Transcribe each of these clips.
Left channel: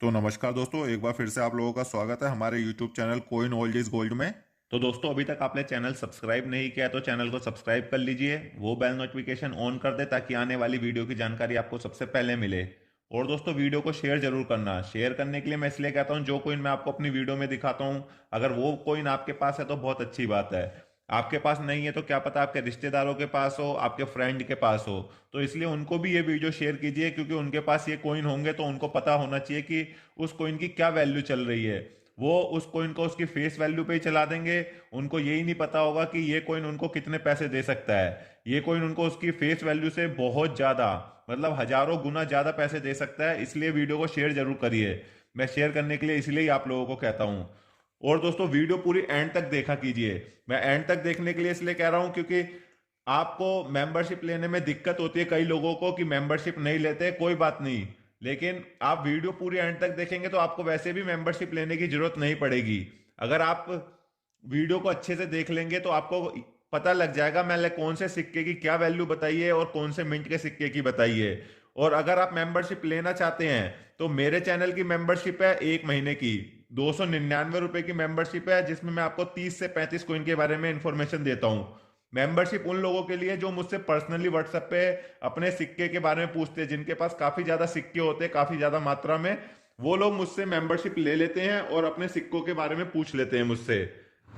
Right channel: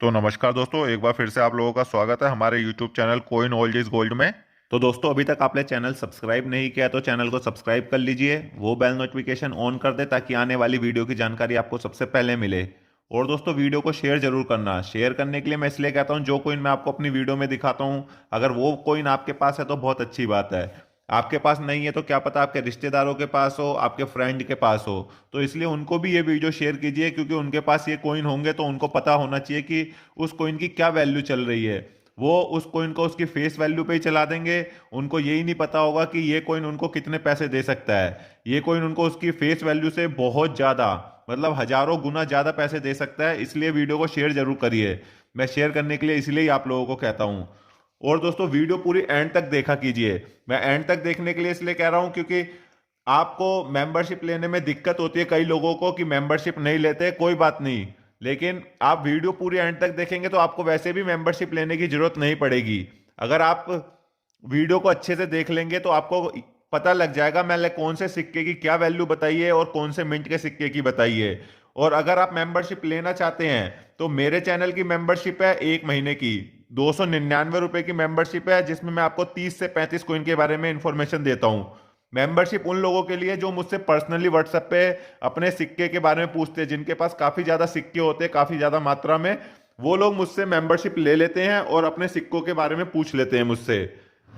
तो नमस्कार दोस्तों, एक बार फिर से आप लोगों का स्वागत है हमारे YouTube channel coin old is gold में। तो दोस्तों, अभी तक आपने चैनल सब्सक्राइब नहीं किया तो चैनल को सब्सक्राइब कर लीजिए, वो बेल नोटिफिकेशन ऑन कर दे ताकि आने वाली वीडियो की जानकारी आपको सबसे पहले मिले। और दोस्तों, वीडियो को शेयर जरूर करना। शेयर करने के लिए मैं इसलिए कहता हूँ, जो कोइन मैं आपको अपनी वीडियो में दिखाता हूँ, अगर वो कोइन आपके पास है तो बहुत अच्छी बात है। आपके पास नहीं है तो क्या पता आपके रिश्तेदारों के पास हो, आपके फ्रेंड के पास हो। तो इसलिए उनको भी ये वीडियो शेयर कीजिए, क्योंकि उनके पास ये कोइन होंगे तो उनको पता होना चाहिए कि उस कोइन की क्या वैल्यू चल रही है। वो उस कोइन को उसकी फेस वैल्यू पे ही चला देंगे। उनको यही नहीं पता होगा कि ये कोइन उनको कितने पैसे दे सकता है। ये कोइन उनको उसकी फेस वैल्यू से बहुत ज़्यादा, मतलब हजारों गुना ज़्यादा पैसे दे सकता है। इसलिए वीडियो को शेयर जरूर करिए। मैं शेयर करने के लिए इसलिए ही आप लोगों को कहता हूँ। और दोस्तों, वीडियो पूरी एंड तक देखा कीजिए। मैं एंड तक देखने के लिए इसलिए कह रहा हूँ क्योंकि आपको मेंबरशिप लेने में दिक्कत होती है कई लोगों को कि मेंबरशिप नहीं लेते। कोई बात नहीं, लेकिन आप वीडियो पूरी एंड तक देखेंगे तो आपको वैसे भी मेंबरशिप लेने की जरूरत नहीं पड़ेगी। अगर आप वीडियो को अच्छे से देख लेंगे तो आपको पता लग जाएगा मैंने कौन से सिक्के की क्या वैल्यू बताई है और कौन से मिंट के सिक्के की बताई है। और अगर आप मेंबरशिप लेना चाहते हैं तो मेरे चैनल की मेंबरशिप है 1 महीने की, 299 रुपए की मेंबरशिप है, जिसमें मैं आपको 30 से 35 कोइन के बारे में इंफॉर्मेशन देता हूँ। मेंबरशिप उन लोगों के लिए जो मुझसे पर्सनली व्हाट्सएप पे अपने सिक्के के बारे में पूछते हैं, जिनके पास काफ़ी ज़्यादा सिक्के होते हैं, काफ़ी ज़्यादा मात्रा में। वो लोग मुझसे मेंबरशिप ले लेते हैं और अपने सिक्कों के बारे में पूछ लेते हैं मुझसे।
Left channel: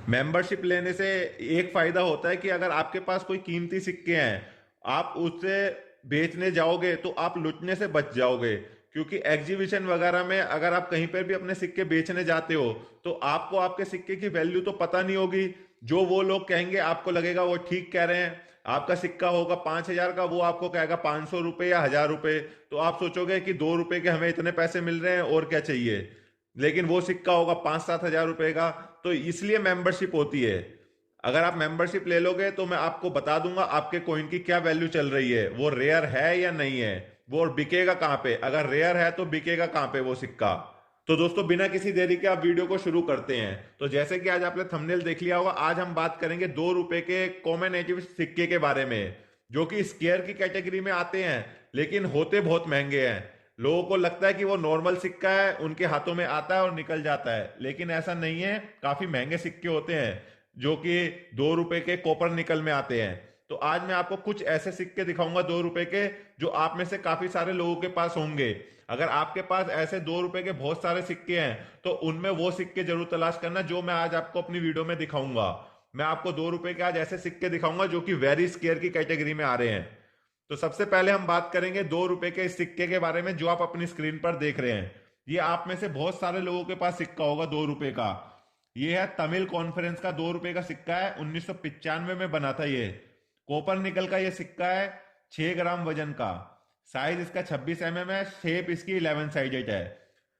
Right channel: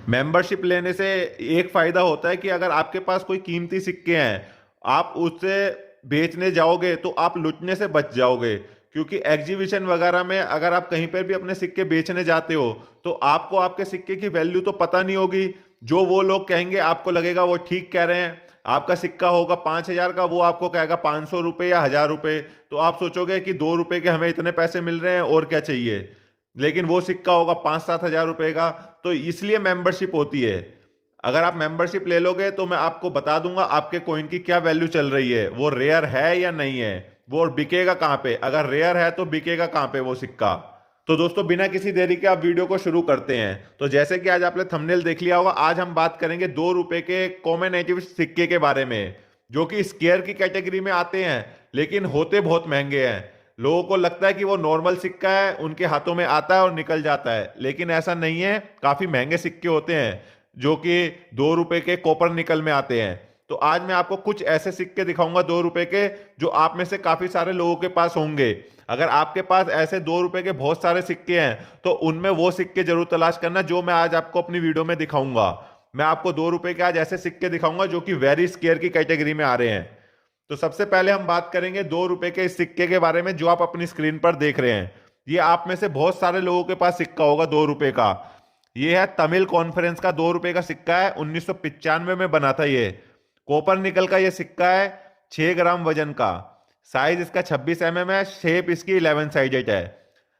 मेंबरशिप लेने से एक फ़ायदा होता है कि अगर आपके पास कोई कीमती सिक्के हैं, आप उससे बेचने जाओगे तो आप लुटने से बच जाओगे। क्योंकि एग्जीबिशन वगैरह में अगर आप कहीं पर भी अपने सिक्के बेचने जाते हो तो आपको आपके सिक्के की वैल्यू तो पता नहीं होगी। जो वो लोग कहेंगे आपको लगेगा वो ठीक कह रहे हैं। आपका सिक्का होगा 5,000 का, वो आपको कहेगा 500 रुपये या 1,000 रुपये। तो आप सोचोगे कि 2 रुपए के हमें इतने पैसे मिल रहे हैं और क्या चाहिए। लेकिन वो सिक्का होगा 5-7 हज़ार रुपए का। तो इसलिए मेंबरशिप होती है। अगर आप मेंबरशिप ले लोगे तो मैं आपको बता दूंगा आपके कॉइन की क्या वैल्यू चल रही है, वो रेयर है या नहीं है, वो बिकेगा कहाँ पे। अगर रेयर है तो बिकेगा कहाँ पे वो सिक्का। तो दोस्तों, बिना किसी देरी के आप वीडियो को शुरू करते हैं। तो जैसे कि आज आपने थंबनेल देख लिया होगा, आज हम बात करेंगे 2 रुपए के कॉमन सिक्के के बारे में, जो कि स्केयर की कैटेगरी में आते हैं लेकिन होते बहुत महंगे हैं। लोगों को लगता है कि वो नॉर्मल सिक्का है, उनके हाथों में आता है और निकल जाता है, लेकिन ऐसा नहीं है। काफी महंगे सिक्के होते हैं जो कि 2 रुपए के कॉपर निकल में आते हैं। तो आज मैं आपको कुछ ऐसे सिक्के दिखाऊंगा 2 रुपए के, जो आप में से काफी सारे लोगों के पास होंगे। अगर आपके पास ऐसे 2 रुपए के बहुत सारे सिक्के हैं तो उनमें वो सिक्के जरूर तलाश करना जो मैं आज आपको अपनी वीडियो में दिखाऊंगा। मैं आपको 2 रुपए के आज ऐसे सिक्के दिखाऊंगा जो कि वेरी स्केयर की कैटेगरी में आ रहे हैं। तो सबसे पहले हम बात करेंगे 2 रुपए के इस सिक्के के बारे में जो आप अपनी स्क्रीन पर देख रहे हैं। ये आप में से बहुत सारे लोगों के पास सिक्का होगा 2 रुपए का। ये है तमिल कॉन्फ्रेंस का 2 रुपए का सिक्का है, 1995 में बना था ये। कॉपर निकल का ये सिक्का है, 6 ग्राम वजन का। साइज इसका 26 mm है, शेप इसकी 11 साइडेड है।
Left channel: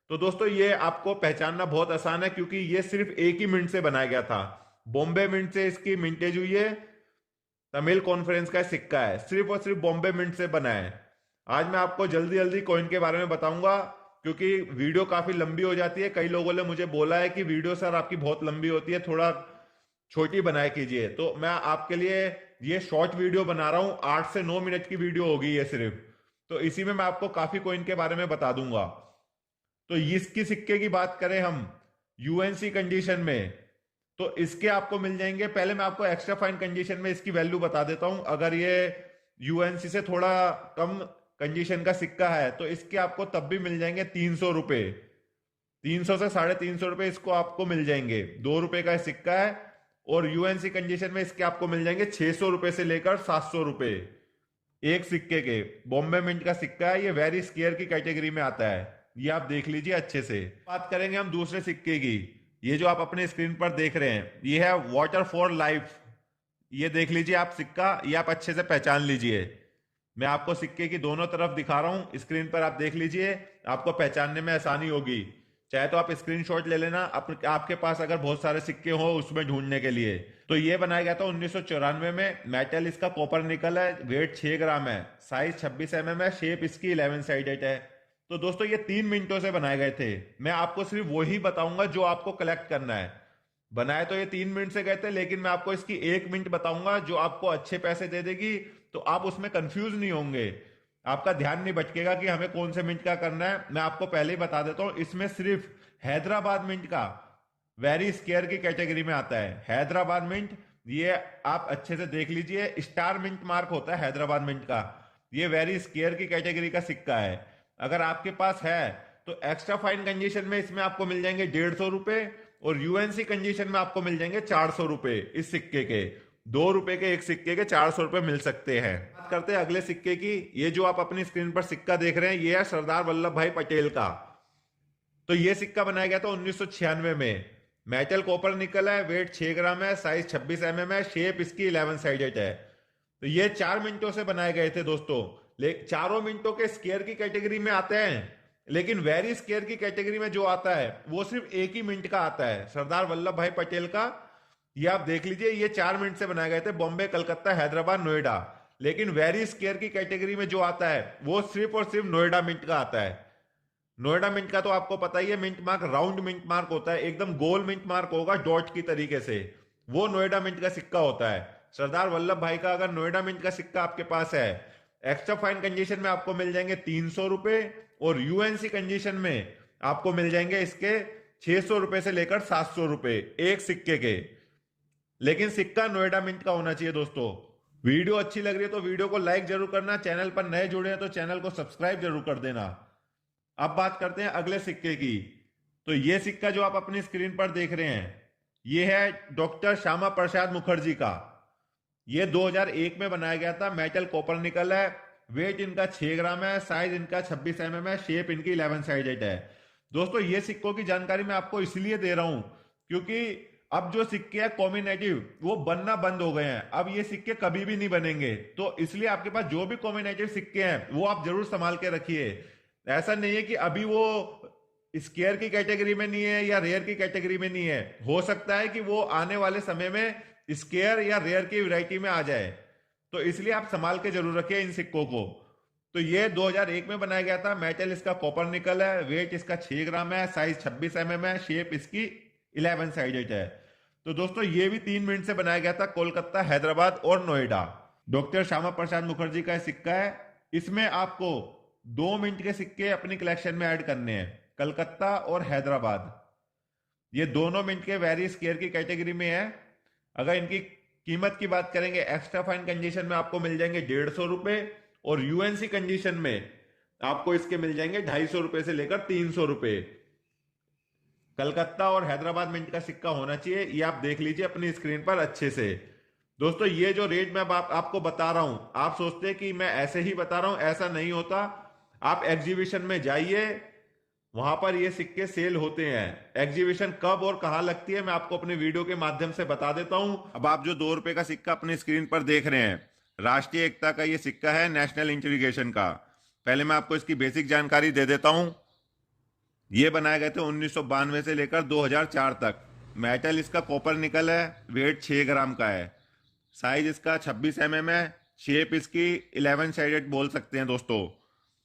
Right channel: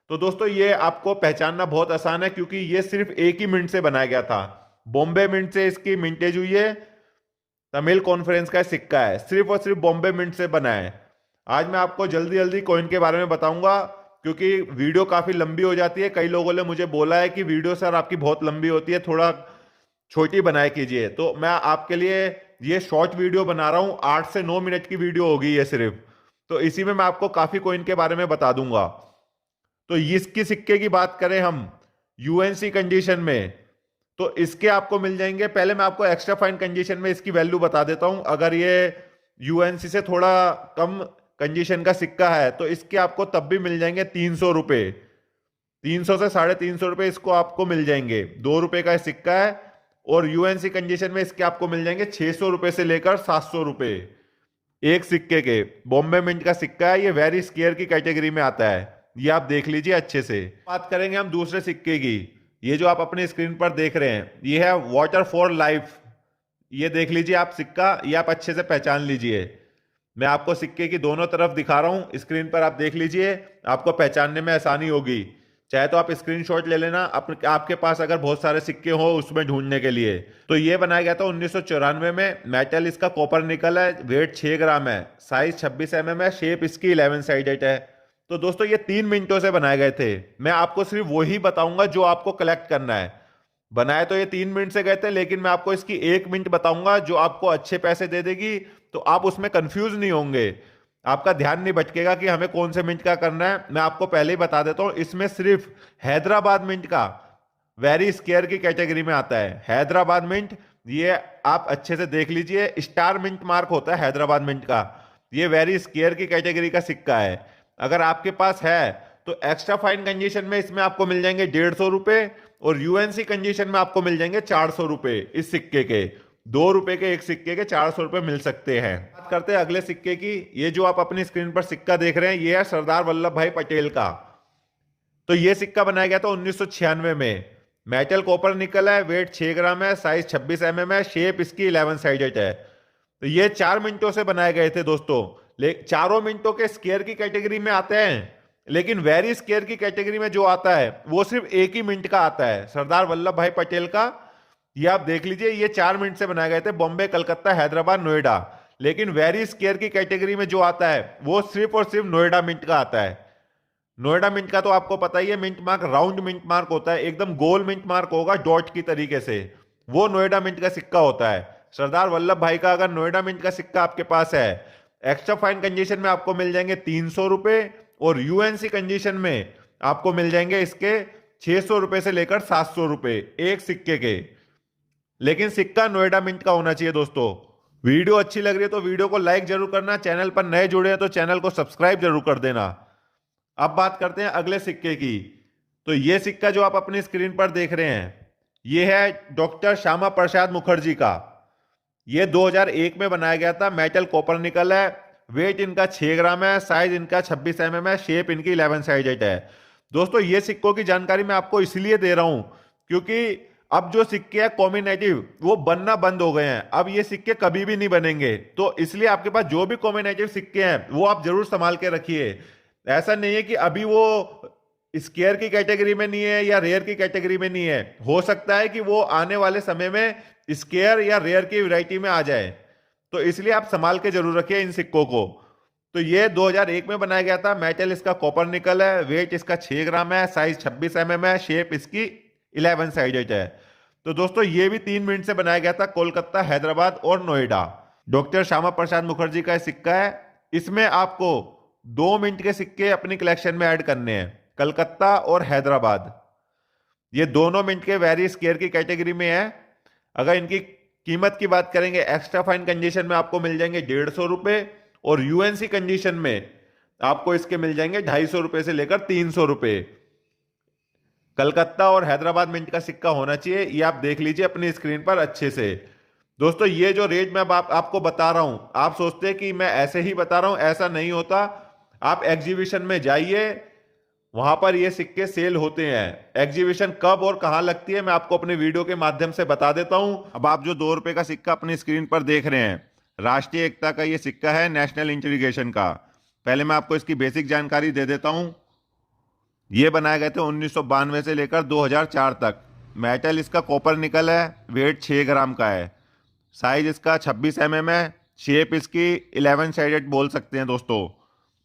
तो दोस्तों, ये आपको पहचानना बहुत आसान है क्योंकि ये सिर्फ एक ही मिंट से बनाया गया था। बॉम्बे मिंट से इसकी मिंटेज हुई है। तमिल कॉन्फ्रेंस का सिक्का है, सिर्फ और सिर्फ बॉम्बे मिंट से बना है। आज मैं आपको जल्दी जल्दी कॉइन के बारे में बताऊंगा क्योंकि वीडियो काफी लंबी हो जाती है। कई लोगों ने मुझे बोला है कि वीडियो सर आपकी बहुत लंबी होती है, थोड़ा छोटी बनाया कीजिए। तो मैं आपके लिए ये शॉर्ट वीडियो बना रहा हूँ, 8 से 9 मिनट की वीडियो होगी ये सिर्फ। तो इसी में मैं आपको काफी कॉइन के बारे में बता दूंगा। तो इसकी सिक्के की बात करें हम यूएनसी कंडीशन में, तो इसके आपको मिल जाएंगे। पहले मैं आपको एक्स्ट्रा फाइन कंडीशन में इसकी वैल्यू बता देता हूं। अगर ये यूएनसी से थोड़ा कम कंडीशन का सिक्का है तो इसके आपको तब भी मिल जाएंगे 300 रुपये। 300 से 350 रुपये इसको आपको मिल जाएंगे। 2 रुपए का सिक्का है और यूएनसी कंडीशन में इसके आपको मिल जाएंगे 600 रुपये से लेकर 700 रुपये एक सिक्के के। बॉम्बे मिंट का सिक्का है, ये वेरी स्केयर की कैटेगरी में आता है। ये आप देख लीजिए अच्छे से। बात करेंगे हम दूसरे सिक्के की। ये जो आप अपने स्क्रीन पर देख रहे हैं ये है वाटर फॉर लाइफ। ये देख लीजिए आप सिक्का, ये आप अच्छे से पहचान लीजिए। मैं आपको सिक्के की दोनों तरफ दिखा रहा हूं, स्क्रीन पर आप देख लीजिए, आपको पहचानने में आसानी होगी। चाहे तो आप स्क्रीनशॉट ले लेना आपके पास अगर बहुत सारे सिक्के हो उसमें ढूंढने के लिए। तो ये बनाया गया था 1994 में। मेटल इसका कॉपर निकल है, वेट 6 ग्राम है, साइज 26 mm है, शेप इसकी 11 साइडेड है। तो दोस्तों, ये 3 मिनटों से बनाए गए थे। मैं आपको सिर्फ वही बताऊंगा जो आपको कलेक्ट करना है। बनाए तो ये 3 मिनट से गए थे, लेकिन मैं आपको इसकी 1 मिनट बताऊंगा जो आपको अच्छे पैसे दे देगी। तो आप उसमें कंफ्यूज नहीं होंगे। आपका ध्यान नहीं भटकेगा कि हमें कौन से मिंट का करना है। मैं आपको पहले ही बता देता हूं, इसमें सिर्फ हैदराबाद मिंट का वेरी स्केयर की कैटेगरी में आता है। हैदराबाद मिंट, ये आप अच्छे से देख लीजिए, स्टार मिंट मार्क होता है हैदराबाद मिंट का। ये वेरी स्केयर की कैटेगरी का सिक्का है। अगर आपके पास है तो एक्स्ट्रा फाइन कंडीशन में इसमें आपको मिल जाएंगे 150 रुपए, और यूएनसी कंडीशन में आपको मिल जाएंगे 400 रुपए। इस सिक्के के 2 रुपए के एक सिक्के के 400 रुपए मिल सकते हैं। बात करते हैं अगले सिक्के की। ये जो आप अपनी स्क्रीन पर सिक्का देख रहे हैं, ये है सरदार वल्लभ भाई पटेल का। तो ये सिक्का बनाया गया था 1996 में। मेटल कॉपर निकल है, वेट 6 ग्राम है, साइज 26 mm है, शेप इसकी 11 साइडेड है। तो ये 4 मिनटों से बनाए गए थे दोस्तों। चारों मिनटों के स्केयर की कैटेगरी में आते हैं, लेकिन वेरी स्केयर की कैटेगरी में जो आता है वो सिर्फ एक ही मिनट का आता है, सरदार वल्लभ भाई पटेल का। ये आप देख लीजिए, ये 4 मिनट से बनाए गए थे, बॉम्बे, कलकत्ता, हैदराबाद, नोएडा। लेकिन वेरी स्केयर की कैटेगरी में जो आता है वो सिर्फ और सिर्फ नोएडा मिंट का आता है। नोएडा मिंट का तो आपको पता ही है, mint mark round mint mark होता है, एकदम गोल मिंट मार्क होगा डॉट की तरीके से, वो नोएडा मिंट का सिक्का होता है। सरदार वल्लभ भाई का अगर नोएडा मिंट का सिक्का आपके पास है, एक्स्ट्रा फाइन कंडीशन में आपको मिल जाएंगे 300 रुपए, और यूएनसी कंडीशन में आपको मिल जाएंगे इसके 600 रुपए से लेकर 700 रुपए एक सिक्के के। लेकिन सिक्का नोएडा मिंट का होना चाहिए दोस्तों। वीडियो अच्छी लग रही है तो वीडियो को लाइक जरूर करना, चैनल पर नए जुड़े हैं तो चैनल को सब्सक्राइब जरूर कर देना। अब बात करते हैं अगले सिक्के की। तो ये सिक्का जो आप अपनी स्क्रीन पर देख रहे हैं, ये है डॉक्टर श्यामा प्रसाद मुखर्जी का। ये 2001 में बनाया गया था, मेटल कॉपर निकल है, वेट इनका 6 ग्राम है, साइज इनका 26 mm है, शेप इनकी 11 साइडेड है। दोस्तों ये सिक्कों की जानकारी मैं आपको इसलिए दे रहा हूं क्योंकि अब जो सिक्के हैं कॉम्बिनेटिव वो बनना बंद हो गए हैं, अब ये सिक्के कभी भी नहीं बनेंगे। तो इसलिए आपके पास जो भी कॉम्बिनेटिव सिक्के हैं वो आप जरूर संभाल के रखिए। ऐसा नहीं है कि अभी वो स्केयर की कैटेगरी में नहीं है या रेयर की कैटेगरी में नहीं है, हो सकता है कि वो आने वाले समय में स्केयर या रेयर की वैरायटी में आ जाए। तो इसलिए आप संभाल के जरूर रखिए इन सिक्कों को। तो ये 2001 में बनाया गया था, मेटल इसका कॉपर निकल है, वेट इसका 6 ग्राम है, साइज 26 mm है, शेप इसकी 11 साइडेड है। तो दोस्तों ये भी 3 मिनट से बनाया गया था, कोलकाता, हैदराबाद और नोएडा। डॉक्टर श्यामा प्रसाद मुखर्जी का सिक्का है। इसमें आपको 2 मिनट के सिक्के अपनी कलेक्शन में ऐड करने हैं, कलकत्ता और हैदराबाद। ये दोनों मिनट के वेरी स्केयर की कैटेगरी में है। अगर इनकी कीमत की बात करेंगे, एक्स्ट्रा फाइन कंडीशन में आपको मिल जाएंगे 150 रुपए, और यूएनसी कंडीशन में आपको इसके मिल जाएंगे 250 रुपए से लेकर 300 रुपए। कलकत्ता और हैदराबाद मिंट का सिक्का होना चाहिए, ये आप देख लीजिए अपनी स्क्रीन पर अच्छे से। दोस्तों ये जो रेट मैं आपको बता रहा हूं, आप सोचते हैं कि मैं ऐसे ही बता रहा हूं, ऐसा नहीं होता। आप एग्जीबिशन में जाइए, वहां पर ये सिक्के सेल होते हैं। एग्जीबिशन कब और कहां लगती है मैं आपको अपने वीडियो के माध्यम से बता देता हूं। अब आप जो 2 रुपए का सिक्का अपनी स्क्रीन पर देख रहे हैं, राष्ट्रीय एकता का ये सिक्का है, नेशनल इंटीग्रेशन का। पहले मैं आपको इसकी बेसिक जानकारी दे देता हूं। ये बनाए गए थे 1992 से लेकर 2004 तक। मेटल इसका कॉपर निकल है, वेट 6 ग्राम का है, साइज इसका 26 mm है, शेप इसकी 11 साइडेड बोल सकते हैं दोस्तों।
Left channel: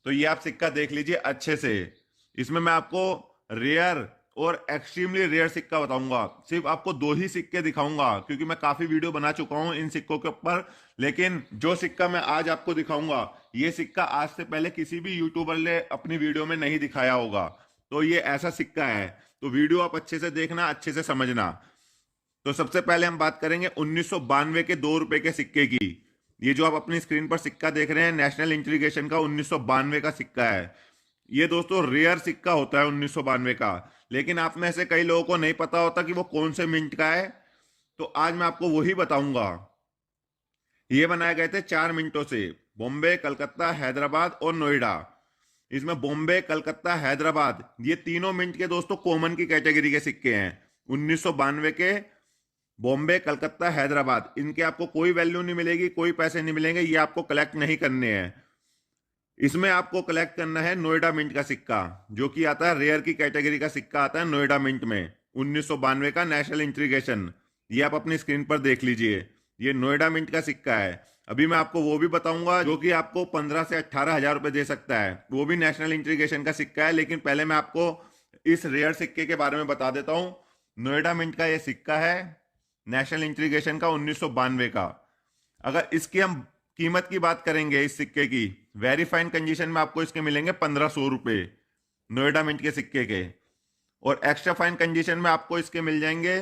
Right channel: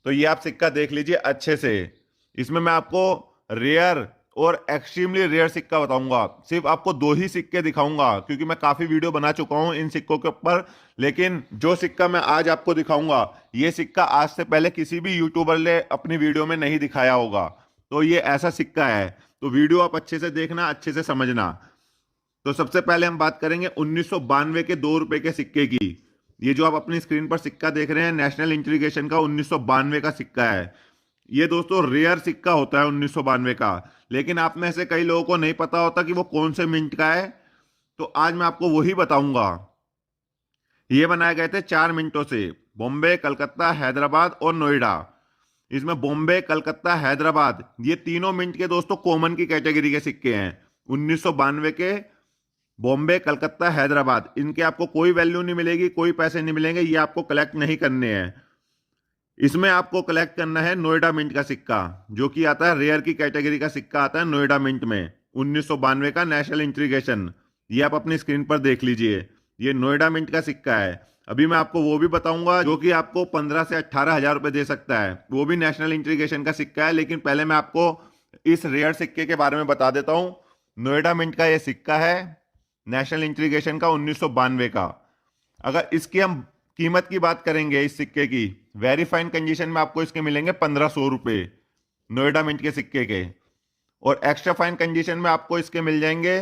तो ये आप सिक्का देख लीजिए अच्छे से। इसमें मैं आपको रेयर और एक्सट्रीमली रेयर सिक्का बताऊंगा, सिर्फ आपको 2 ही सिक्के दिखाऊंगा क्योंकि मैं काफी वीडियो बना चुका हूं इन सिक्कों के ऊपर। लेकिन जो सिक्का मैं आज आपको दिखाऊंगा, ये सिक्का आज से पहले किसी भी यूट्यूबर ने अपनी वीडियो में नहीं दिखाया होगा। तो ये ऐसा सिक्का है, तो वीडियो आप अच्छे से देखना, अच्छे से समझना। तो सबसे पहले हम बात करेंगे 1992 के 2 रुपए के सिक्के की। ये जो आप अपनी स्क्रीन पर सिक्का देख रहे हैं, नेशनल इंटीग्रेशन का 1992 का सिक्का है। ये दोस्तों रेयर सिक्का होता है 1992 का, लेकिन आप में से कई लोगों को नहीं पता होता कि वो कौन से मिंट का है। तो आज मैं आपको वही बताऊंगा। ये बनाए गए थे 4 मिनटों से, बॉम्बे, कलकत्ता, हैदराबाद और नोएडा। इसमें बॉम्बे, कलकत्ता, हैदराबाद ये तीनों मिंट के दोस्तों कॉमन की कैटेगरी के सिक्के हैं। 1992 के बॉम्बे, कलकत्ता, हैदराबाद, इनके आपको कोई वैल्यू नहीं मिलेगी, कोई पैसे नहीं मिलेंगे, ये आपको कलेक्ट नहीं करने हैं। इसमें आपको कलेक्ट करना है नोएडा मिंट का सिक्का, जो कि आता है रेयर की कैटेगरी का सिक्का आता है नोएडा मिंट में, 1992 का नेशनल इंटीग्रेशन। ये आप अपनी स्क्रीन पर देख लीजिए, ये नोएडा मिंट का सिक्का है। अभी मैं आपको वो भी बताऊंगा जो कि आपको 15 से 18 हजार रुपए दे सकता है, वो भी नेशनल इंटीग्रेशन का सिक्का है। लेकिन पहले मैं आपको इस रेयर सिक्के के बारे में बता देता हूं। नोएडा मिंट का ये सिक्का है, नेशनल इंटीग्रेशन का 1992 का। अगर इसकी हम कीमत की बात करेंगे, इस सिक्के की वेरी फाइन कंडीशन में आपको इसके मिलेंगे 1500 रुपये नोएडा मिंट के सिक्के के। और एक्स्ट्रा फाइन कंडीशन में आपको इसके मिल जाएंगे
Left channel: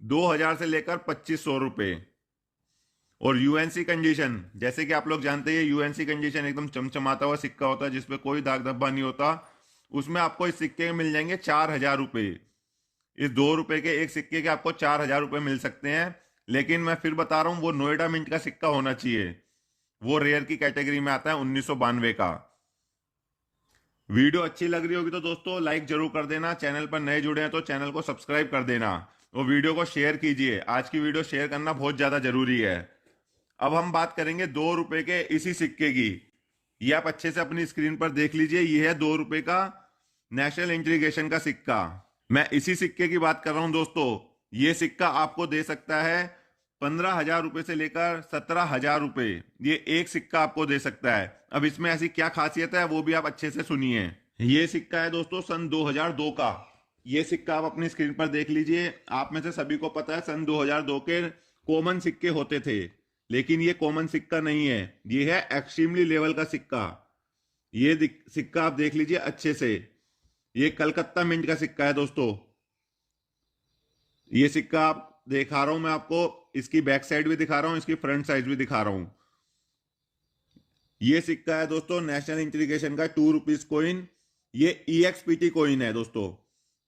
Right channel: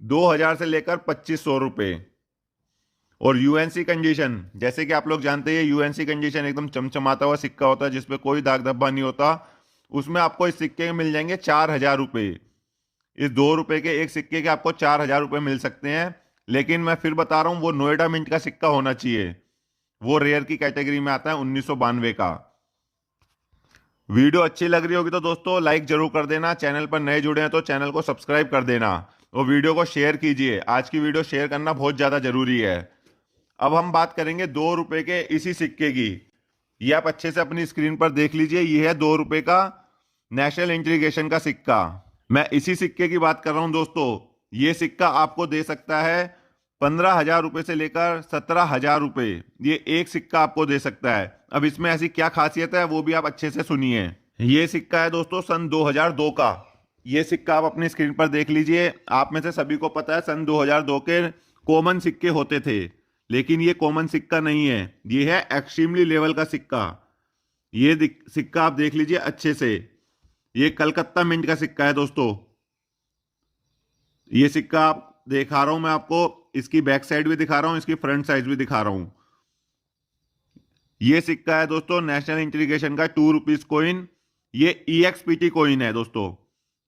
2000 से लेकर 2500 रुपये। और यूएनसी कंडीशन, जैसे कि आप लोग जानते हैं यूएनसी कंडीशन एकदम चमचमाता हुआ सिक्का होता है जिसपे कोई दाग धब्बा नहीं होता, उसमें आपको इस सिक्के के मिल जाएंगे 4000 रुपये। इस 2 रुपए के एक सिक्के के आपको 4000 रुपये मिल सकते हैं। लेकिन मैं फिर बता रहा हूं वो नोएडा मिंट का सिक्का होना चाहिए, वो रेयर की कैटेगरी में आता है 1992 का। वीडियो अच्छी लग रही होगी तो दोस्तों लाइक जरूर कर देना, चैनल पर नए जुड़े हैं तो चैनल को सब्सक्राइब कर देना और वीडियो को शेयर कीजिए। आज की वीडियो शेयर करना बहुत ज़्यादा जरूरी है। अब हम बात करेंगे 2 रुपए के इसी सिक्के की। ये आप अच्छे से अपनी स्क्रीन पर देख लीजिए, ये है 2 रुपए का नेशनल इंटीग्रेशन का सिक्का। मैं इसी सिक्के की बात कर रहा हूं दोस्तों। ये सिक्का आपको दे सकता है 15,000 रुपये से लेकर 17,000 रुपये, ये एक सिक्का आपको दे सकता है। अब इसमें ऐसी क्या खासियत है वो भी आप अच्छे से सुनिए। ये सिक्का है दोस्तों सन 2002 का। ये सिक्का आप अपनी स्क्रीन पर देख लीजिए। आप में से सभी को पता है सन 2002 के कॉमन सिक्के होते थे, लेकिन ये कॉमन सिक्का नहीं है, ये है एक्सट्रीमली लेवल का सिक्का। ये सिक्का आप देख लीजिए अच्छे से, ये कलकत्ता मिंट का सिक्का है दोस्तों। ये सिक्का आप दिखा रहा हूं मैं आपको, इसकी बैक साइड भी दिखा रहा हूं, इसकी फ्रंट साइड भी दिखा रहा हूं। ये सिक्का है दोस्तों नेशनल इंटीग्रेशन का 2 रुपीज कॉइन। ये EXPT कॉइन है दोस्तों।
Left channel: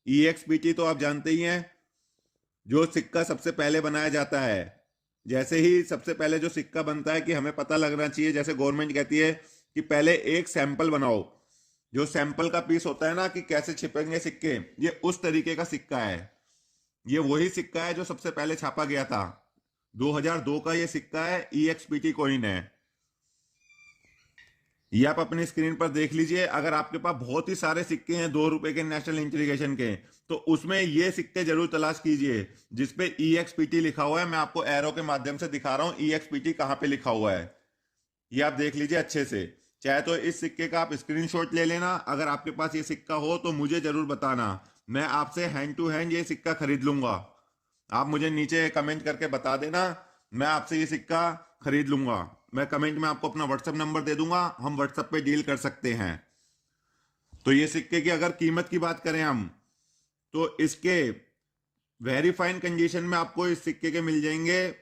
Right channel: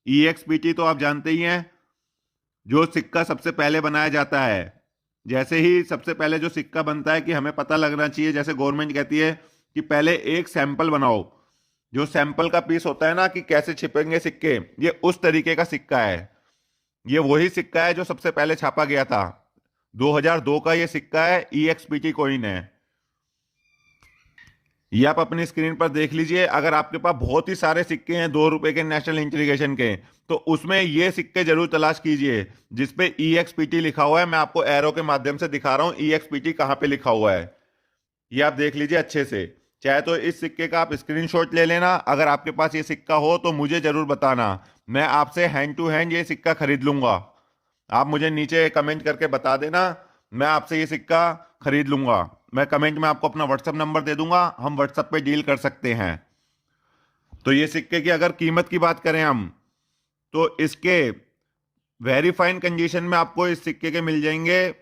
EXPT तो आप जानते ही हैं, जो सिक्का सबसे पहले बनाया जाता है। जैसे ही सबसे पहले जो सिक्का बनता है कि हमें पता लगना चाहिए, जैसे गवर्नमेंट कहती है कि पहले एक सैंपल बनाओ, जो सैंपल का पीस होता है ना कि कैसे छिपेंगे सिक्के, ये उस तरीके का सिक्का है। ये वही सिक्का है जो सबसे पहले छापा गया था। 2002 का ये सिक्का है, EXPT कॉइन है। ये आप अपनी स्क्रीन पर देख लीजिए। अगर आपके पास बहुत ही सारे सिक्के हैं 2 रुपए के नेशनल इंटीग्रेशन के, तो उसमें ये सिक्के जरूर तलाश कीजिए जिसपे EXPT लिखा हुआ है। मैं आपको एरो के माध्यम से दिखा रहा हूं EXPT कहां पे लिखा हुआ है। ये आप देख लीजिए अच्छे से। चाहे तो इस सिक्के का आप स्क्रीनशॉट ले लेना। अगर आपके पास ये सिक्का हो तो मुझे जरूर बताना, मैं आपसे हैंड टू हैंड ये सिक्का खरीद लूंगा। आप मुझे नीचे कमेंट करके बता देना, मैं आपसे ये सिक्का खरीद लूंगा। मैं कमेंट में आपको अपना व्हाट्सएप नंबर दे दूंगा, हम व्हाट्सएप पे डील कर सकते हैं। तो ये सिक्के की अगर कीमत की बात करें हम, तो इसके वेरी फाइन कंडीशन में आपको इस सिक्के के मिल जाएंगे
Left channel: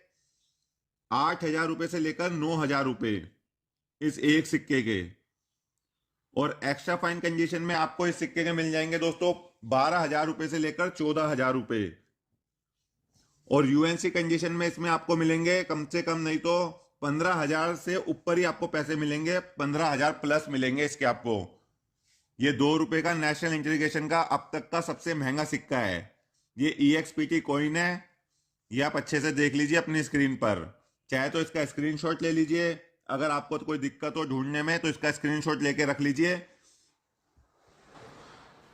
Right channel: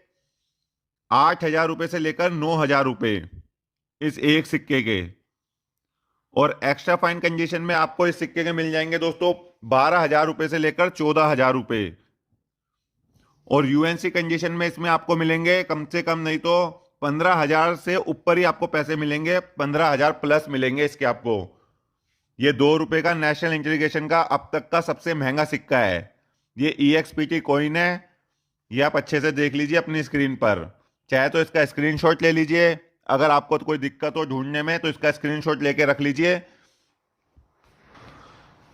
8,000 रुपये से लेकर 9,000 रुपये इस एक सिक्के के। और एक्स्ट्रा फाइन कंडीशन में आपको इस सिक्के के मिल जाएंगे दोस्तों 12,000 रुपये से लेकर 14,000 रुपये। और यूएनसी कंडीशन में इसमें आपको मिलेंगे कम से कम नहीं तो 15,000 से ऊपर ही आपको पैसे मिलेंगे, 15,000 प्लस मिलेंगे इसके आपको। ये 2 रुपए का नेशनल इंटीग्रेशन का अब तक का सबसे महंगा सिक्का है। ये EXPT कॉइन है। ये आप अच्छे से देख लीजिए अपनी स्क्रीन पर। चाहे तो इसका स्क्रीनशॉट ले लीजिए, अगर आपको तो कोई दिक्कत हो ढूंढने में तो इसका स्क्रीनशॉट लेके रख लीजिए।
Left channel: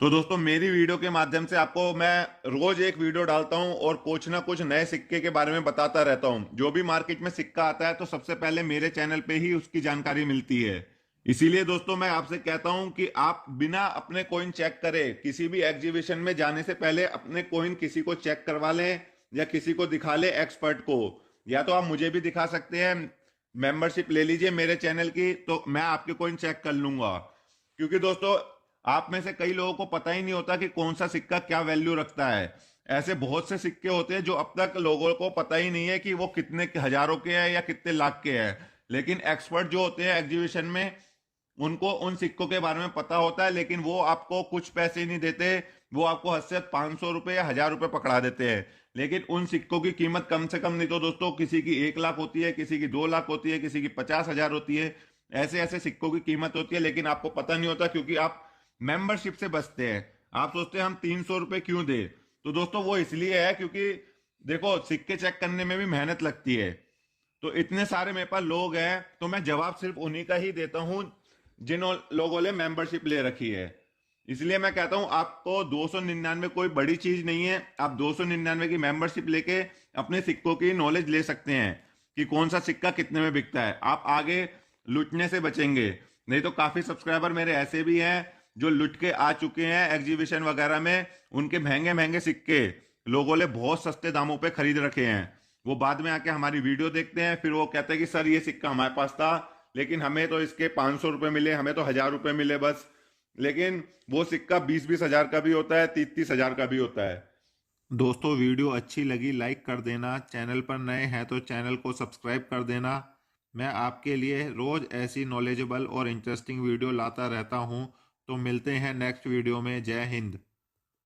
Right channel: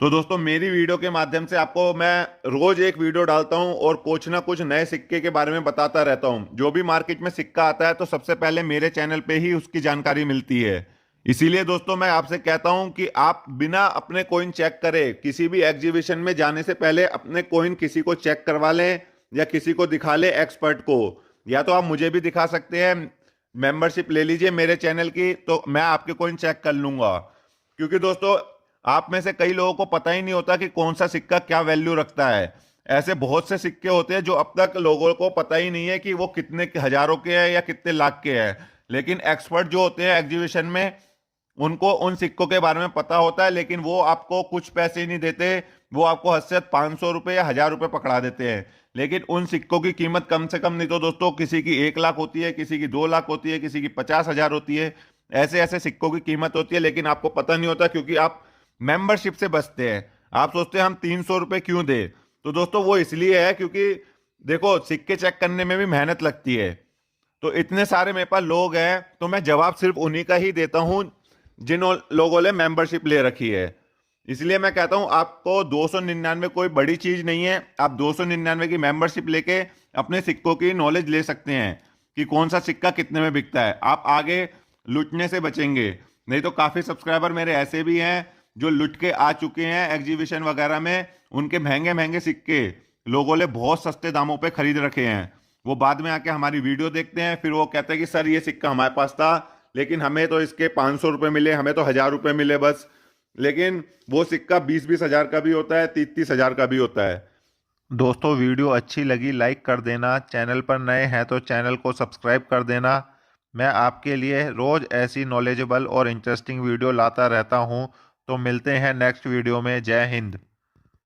तो दोस्तों मेरी वीडियो के माध्यम से आपको मैं रोज एक वीडियो डालता हूं और कुछ ना कुछ नए सिक्के के बारे में बताता रहता हूं। जो भी मार्केट में सिक्का आता है तो सबसे पहले मेरे चैनल पे ही उसकी जानकारी मिलती है। इसीलिए दोस्तों मैं आपसे कहता हूं कि आप बिना अपने कॉइन चेक करे किसी भी एग्जीबिशन में जाने से पहले अपने कॉइन किसी को चेक करवा लें या किसी को दिखा ले, एक्सपर्ट को। या तो आप मुझे भी दिखा सकते हैं, मेंबरशिप ले लीजिए मेरे चैनल की, तो मैं आपके कॉइन चेक कर लूंगा। क्योंकि दोस्तों आप में से कई लोगों को पता ही नहीं होता कि कौन सा सिक्का क्या वैल्यू रखता है। ऐसे बहुत से सिक्के होते हैं जो अब तक लोगों को पता ही नहीं है कि वो कितने हजारों के हैं या कितने लाख के हैं। लेकिन एक्सपर्ट जो होते हैं एग्जीबिशन में, उनको उन सिक्कों के बारे में पता होता है, लेकिन वो आपको कुछ पैसे ही नहीं देते। वो आपको हद से 500 रुपये या 1,000 रुपये पकड़ा देते हैं। लेकिन उन सिक्कों की कीमत कम से कम नहीं तो दोस्तों किसी की 1 लाख होती है, किसी की 2 लाख होती है, किसी की 50,000 होती है। ऐसे ऐसे सिक्कों की कीमत होती है, लेकिन आपको पता नहीं होता क्योंकि आप मेंबरशिप से बचते हैं। आप सोचते हैं हम 300 रुपये क्यों दे, तो दोस्तों वो इसलिए है क्योंकि देखो सिक्के चेक करने में भी मेहनत लगती है। तो इतने सारे मेरे पास लोग हैं तो मैं जवाब सिर्फ उन्हीं का ही देता हूं जिन लोगों ने मेंबरशिप ले रखी है। इसलिए मैं कहता हूं आपको 299 कोई बड़ी चीज नहीं है। आप 299 की मेंबरशिप लेके अपने सिक्कों की नॉलेज ले सकते हैं कि कौन सा सिक्का कितने में बिकता है। आप आगे लुटने से बचेंगे। नहीं तो काफी सब्सक्राइबर मेरे ऐसे भी हैं जो लुट के आ चुके हैं एग्जीबिशन वगैरह में। उनके महंगे महंगे सिक्के लोगों ने बहुत सस्ते दामों पे खरीद रखे हैं। वो बाद में आके हमारी वीडियो देखते हैं, फिर वो कहते हैं कि सर ये सिक्का हमारे पास था लेकिन हमें तो इसके 500 रुपये मिले, हमें तो 1000 रुपये मिले बस। लेकिन वो सिक्का 20-20 हज़ार का भी होता है, 30-30 हज़ार का भी होता है। दोस्तों वीडियो अच्छी लगी लाइक कर देना, चैनल पर नए हैं तो चैनल को सब्सक्राइब कर देना। मैं आपके लिए रोज़ ऐसी नॉलेजेबल और इंटरेस्टिंग वीडियो लाता रहता हूँ। तो मिलते हैं नेक्स्ट वीडियो में। जय हिंद।